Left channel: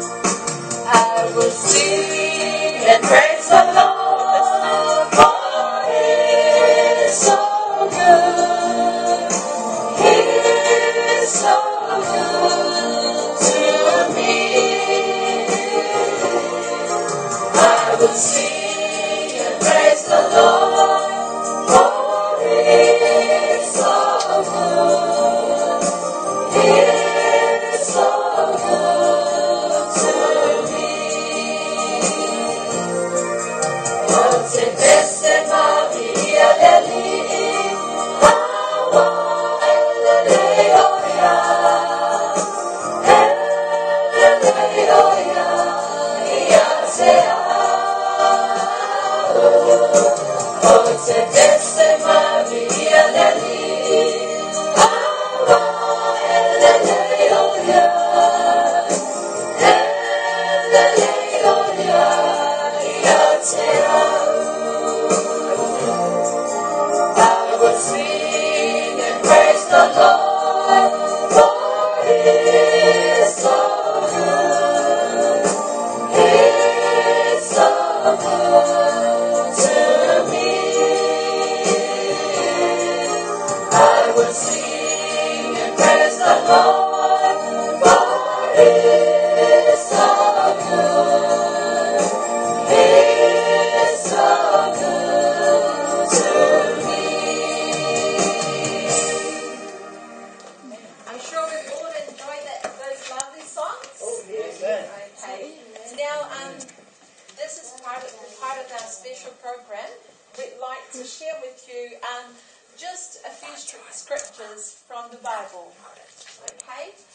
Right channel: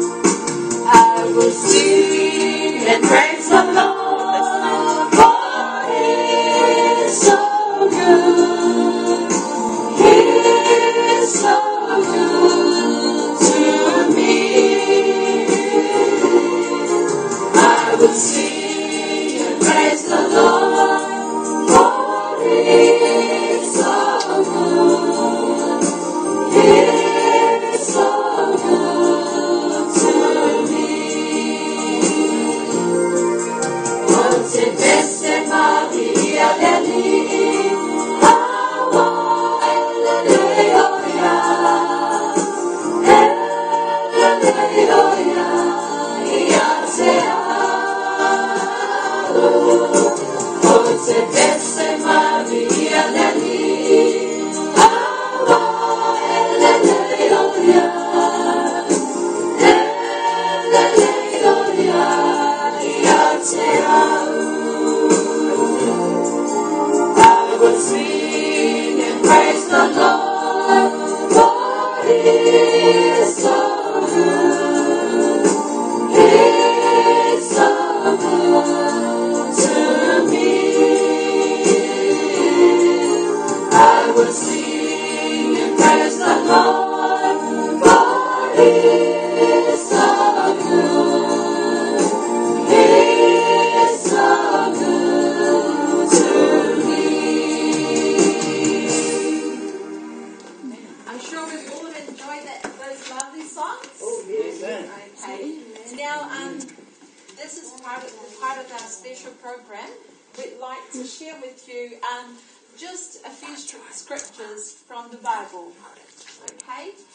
I will sing and praise the Lord, for He is so good. He is so good to me. I will sing and praise the Lord, for He is so good. He is so good to me. Once veste Maria Leli, Hawa Eleleoya, Eleleoya, Iasea. Once veste Maria Leli, Hawa Eleleoya, Eleleoya, Iasea. I will sing and praise the Lord, for He is so good. He is so good to me. I will sing and praise the Lord, for He is so good. He is so good to me. I'm sure we've all enjoyed those lovely songs. Oh, yes. Amen. Okay. Now, this is part of our special program. We'd like to share with you just a few scriptures from the Bible. Okay.